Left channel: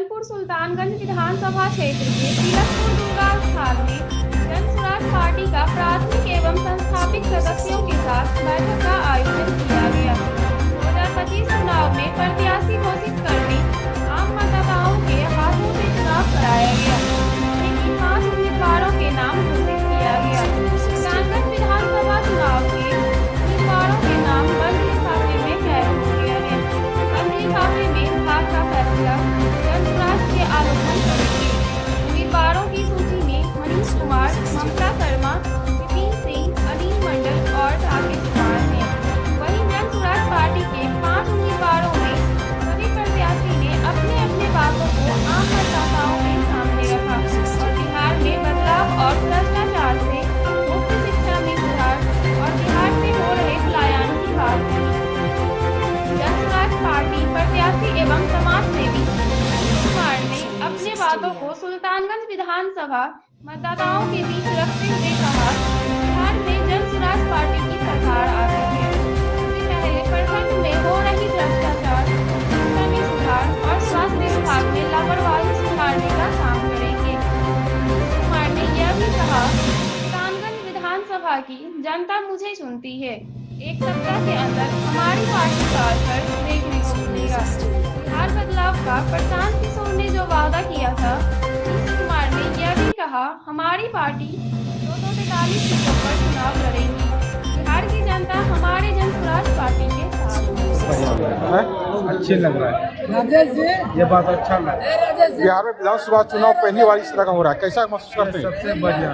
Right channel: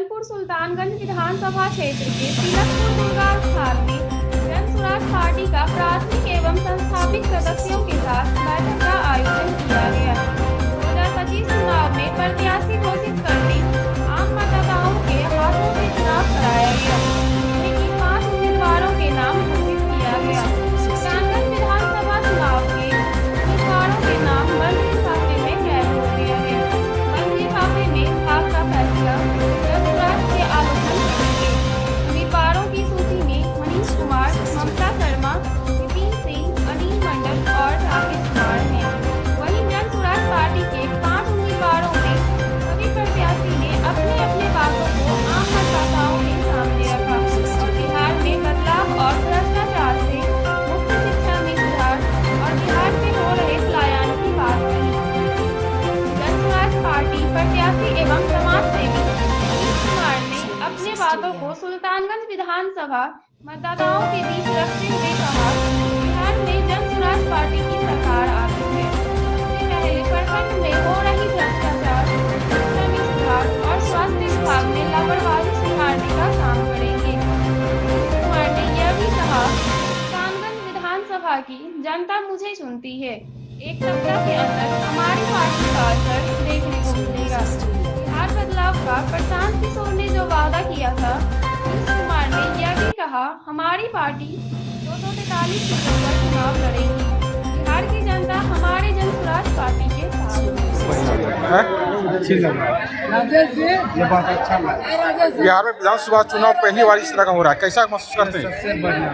भागलपुर सुल्तानगंज विधानसभा क्षेत्र के तिलकपुर दुर्गा स्थान में जन स्वराज पार्टी का प्राथमिक एवं संस्थापित सदस्यों के साथ बैठक का आयोजन किया गया। 2025 चुनाव में प्रत्याशी घोषित करने आम मतदाताओं के हाथों से चुनाव कराया गया, जिसमें कि 5 उम्मीदवारों के नाम घोषित किया गया। सुल्तानगंज विधानसभा चुनाव के उम्मीदवारों के नाम बंद लिफाफे में कैद हो गया है। बंद लिफाफे में भाग का फैसला जन स्वराज के आलोकन करेंगे। उम्मीदवारों की सूची में मनीष कुमार, ममता शर्मा, विपिन सिंह, अनिल मंडल और राकेश कुमार हैं। वहीं जन स्वराज पार्टी के 5 उम्मीदवारों में सभी प्रत्याशी ने अपने अपने बातों को आम मतदाताओं के सामने रखा और बिहार में बदलाव और भ्रष्टाचार से मुक्त शिक्षा में सुधार और बिहार से हो रहे पलायन की बात कही। जन स्वराज पार्टी प्रत्याशी एवं समाज सेवी मनीष कुमार ने अपने बातों को सुल्तानगंज विधानसभा मतदाताओं के बीच रखते हुए कहा, बिहार में जन स्वराज पार्टी की सरकार आ रही है। सबसे पहले प्रखंड में हो रही भ्रष्टाचार, शिक्षा में सुधार और स्वास्थ्य विभाग में लापरवाही सुधारने का काम करेंगे। मनीष कुमार ने यह भी कहा, सुल्तानगंज विधानसभा की जनता मुझे चुनती है। 1 सप्ताह के अंदर हमारी पार्टी का असर देखने को मिलेगा। बिहार बदलाव का प्रशांत किशोर ने जो वादा किया था, मनीष कुमार ने यह भी कहा, हमारी पार्टी 243 सीटों पर चुनाव लड़ेगी। बिहार की जनता हमारे जन स्वराज पार्टी के साथ है। अच्छी लग रहा है, ये बात अच्छा लग रहा है। बिहार में विधानसभा चुनाव पहली बार इस तरह का हो रहा है, कैसा महसूस करते हैं? सबसे बढ़िया,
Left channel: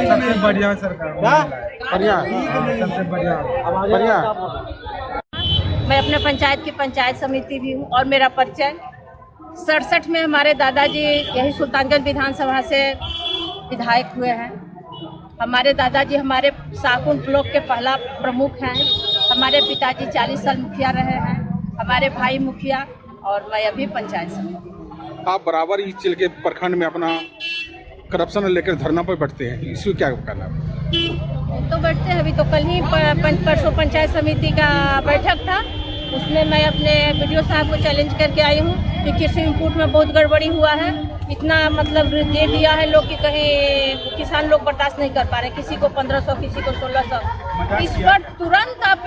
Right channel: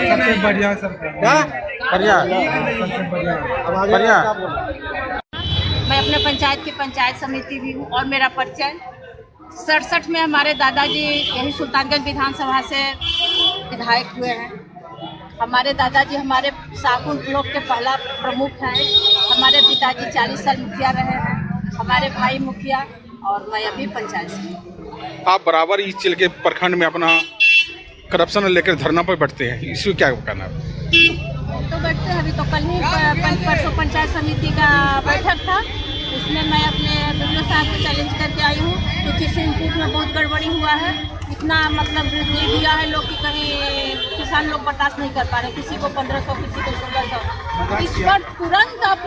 सबसे बढ़िया सरकार, बढ़िया, सबसे बढ़िया बढ़िया। मैं अपने पंचायत की पंचायत समिति भी हूँ और मेरा परिचय 67 में हमारे दादाजी यही सुल्तानगंज विधानसभा से विधायक हुए हैं। हमारे दादाजी हमारे साकुन ब्लॉक के पहला प्रमुख हैं। हमारे पिताजी 40 साल मुखिया रहे हैं, हमारे भाई मुखिया और मैं अभी पंचायत समिति। आप बराबर इस जिले के प्रखंड में अपना करप्शन लेकर धरना पर बैठते हैं, इसमें क्या करना है? तो बैठते हैं, अभी तो कल ही परसों पंचायत समिति का बैठक था, उसमें मैं अपने वीडियो साहब को चैलेंज करके आई हूँ कि किसी इनपुट में बहुत गड़बड़ी हुआ है। इतना मतलब दे दिया है लोग कि कहीं किसान लोग बर्दाश्त नहीं कर पा रहे, किसी को 1500, किसी को 1600। इस पर तुरंत आप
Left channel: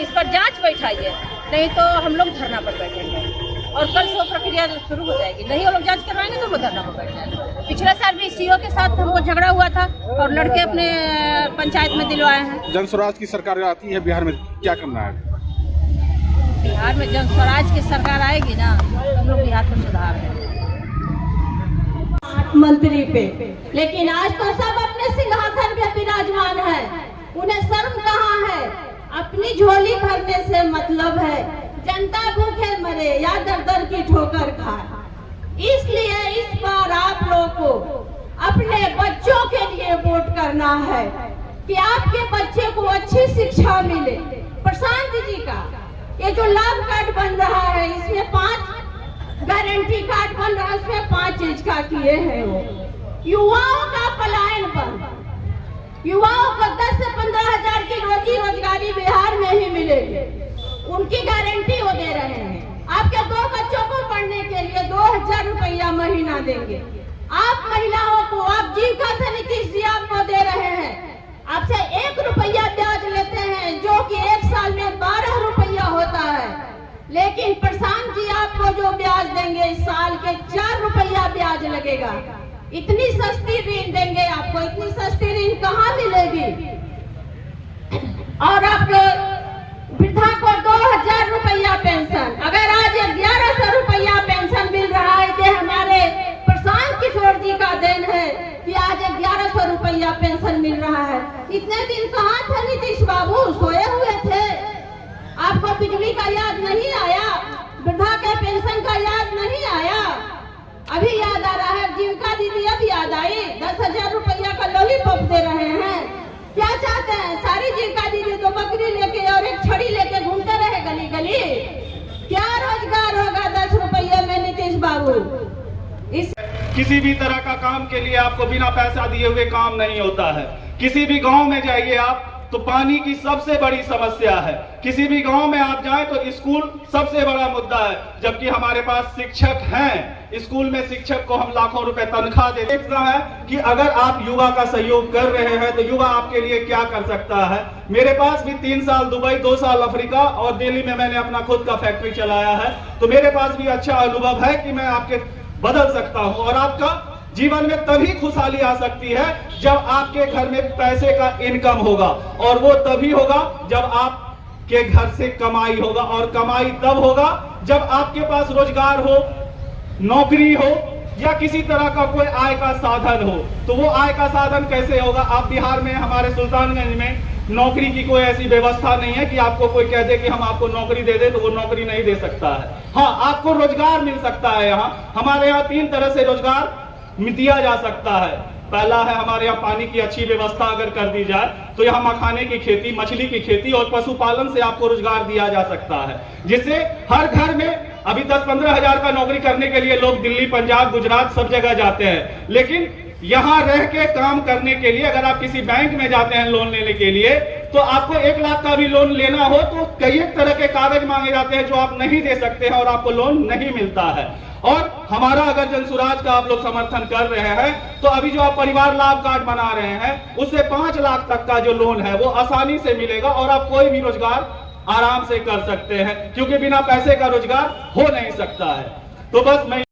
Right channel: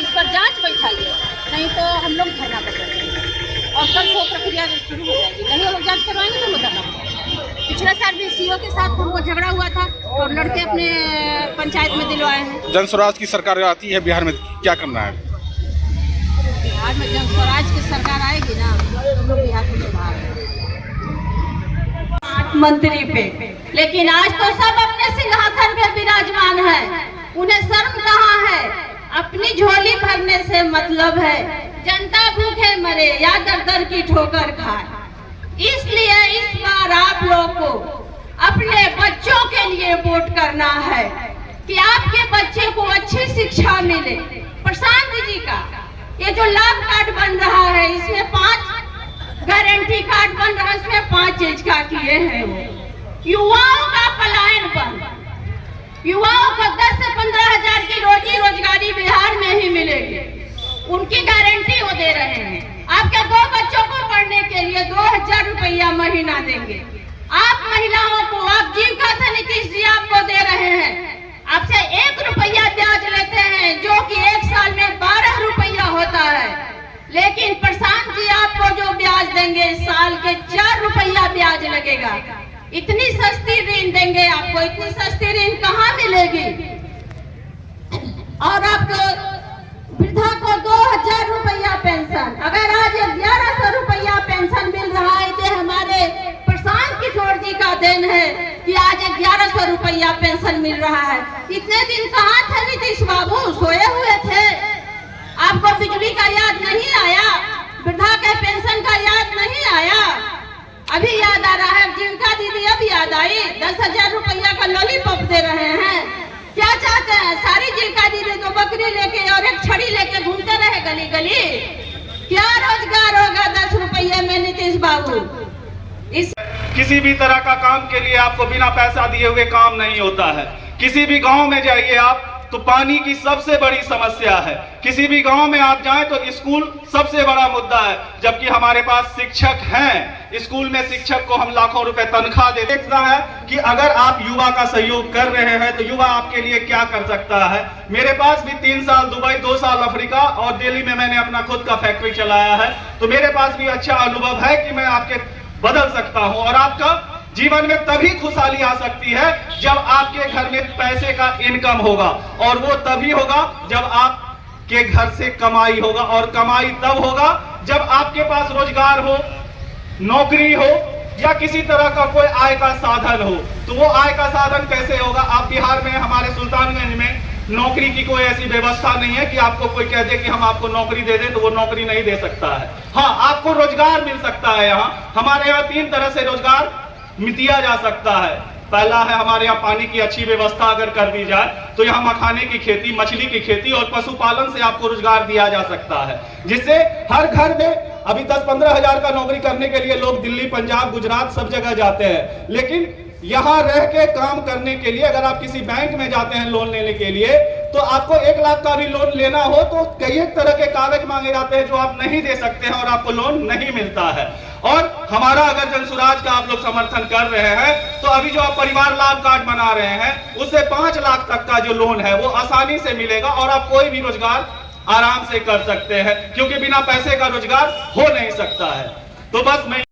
इस पर जांच बैठाइए, नहीं तो हम लोग धरना पर बैठेंगे और कल से प्रक्रिया शुरू हो जाएगी। नहीं वो लोग जाँच करवाएंगे तो हम लोग धरना पर बैठेंगे। पिछले साल भी सीओ के साथ हमको झगड़ा हुआ था और लड़के अपने पंचायत में दिलवाए हैं। जन स्वराज की सरकार आती है बिहार में, क्या करना है? बिहार में जन स्वराज की सरकार आएगी ना तो हम लोग बिहार को सुधार मंत्री पे, लेकिन आज तो सब अपने सिंहासन पे विराजमान है। उन्हें शर्म कहाँ है? अपनी झोली भरने से मतलब है, जनता भूखे मरे या दर दर की ठोकर खाए। इसलिए इस बार आप लोग को अपने बच्चों के लिए वोट करना है कि आपके बच्चे को अच्छी शिक्षा मिले। प्रशांत जी का ये जो लाभ कार्ड बन रहा है, इसमें 5 गारंटी कार्ड बन रहा है, इसमें 5 चीज का किए हैं वो। युवाओं का पलायन बंद, युवाओं को 10 से 15 हजार की रोजी रोजगारी बिहार में ही मिलेगी, उनकी गारंटी वो दे रहे हैं। आपके 2 बच्चों को पढ़ने के लिए 2000 रुपया महीना देंगे। आप महिलाओं को आप जीविका से नीतीश जी आपको दे रहे हैं, आपसे 1 रुपया ब्याज लेते हैं, जो कि 1 साल में 12 रुपया होता है। लेकिन प्रशांत जी आपको जो ब्याज देंगे, साल के 4 रुपया ब्याज लगेगा। इतनी सस्ती ऋण देंगे आपको, इतनी सस्ती ऋण कहाँ मिलेगी? और आपको वृद्धा को 2000 रुपया पेंशन, अगर आज 1100 रुपया पेंशन मिल रहा है, कि हमारे प्रशांत किशोर जी का देन है कि आज 1100 रुपया पेंशन मिल रहा है। इतने दिन कहाँ थे नीतीश बाबू? सोए हुए थे। आपको बिजली का याद नहीं आया? वृद्धा के पेंशन का याद नहीं आया? अभी याद आ रहा है? जीविका दीदी अब याद आई, 10,000 रुपया का लॉलीपॉप दे रहे हैं। क्या चाहते हैं? सारी जीविका दीदी तो बकरी लेके और एक छड़ी लेके घूमते रहे गली गली। क्या रोजगार होगा 10 रुपये में नीतीश बाबू? किसी भी तरह का काम के लिए आपको बिना पैसा दिए हुए काम नहीं होता है। किसी भी गांव में जाइए आप, तो पानी की सबसे बड़ी समस्या है। किसी भी गांव में आप जाएं तो स्कूल सबसे बड़ा मुद्दा है, जबकि हमारे पास शिक्षक हैं। स्कूल में शिक्षक को हम लाखों रुपए तनख्वाह दे देते हैं कि अगर आप युवा का सहयोग कर रहे हैं तो युवा आपके लिए क्या कर सकता है। मेरे पास भी 3 साल दुबई, 2 साल अफ्रीका और दिल्ली में मैंने अपना खुद का फैक्ट्री चलाया है, तो मेरे पास भी अच्छा अनुभव है कि मैं आपके बदल सकता हूं। और आपका जीवन में तभी खुशहाली आ सकती है जब आपके घर में पैसे का इनकम होगा, और वो तभी होगा जब आपके घर से कमाई होगा, और कमाई तब होगा जब आपके पास रोजगार हो, नौकरी हो या किसी तरह का कोई आय का साधन हो। तो वो आय का साधन कैसे होगा? आप बिहार में, हमारे सुल्तानगंज में नौकरी की कोई ऐसी व्यवस्था नहीं है कि आपको कोई कह दे कि हम आपको नौकरी दे दे, तो वो नौकरी नहीं दे सकता है। हाँ, आपको रोजगार मिल सकता है। यहाँ हमारे यहाँ 3 तरह से रोजगार दिया जा सकता है। पहला है, हमारे यहाँ पानी की अच्छी व्यवस्था अगर कर दी जाए तो यहाँ मखाने की खेती, मछली की खेती और पशुपालन से आपको रोजगार दिया जा सकता है, जिससे हर घर में अभी 10-15 हजार का नौकरी करने के लिए लोग दिल्ली, पंजाब, गुजरात सब जगह जाते हैं, लेकिन यहाँ रह के काम करने के लिए अगर आप किसी बैंक में जाते हैं लोन लेने के लिए, तो आपको 1 लाख का भी लोन लेना हो तो कई एक तरह के कागज मांगे जाते हैं जो आप नहीं दे सकते हैं और आपको लोन नहीं मिलता है। और हमारा अगर जनसुराज का आप लोग समर्थन कर रहे हैं तो अभी जो आप परिवार लाभ कार्ड बना रहे हैं उससे 5 लाख तक का जो लोन है वो आसानी से मिलेगा, और आप कोई भी रोजगार आराम से कर सकते हैं, क्योंकि बिना पैसे का रोजगार हो नहीं सकता है। तो बस मैं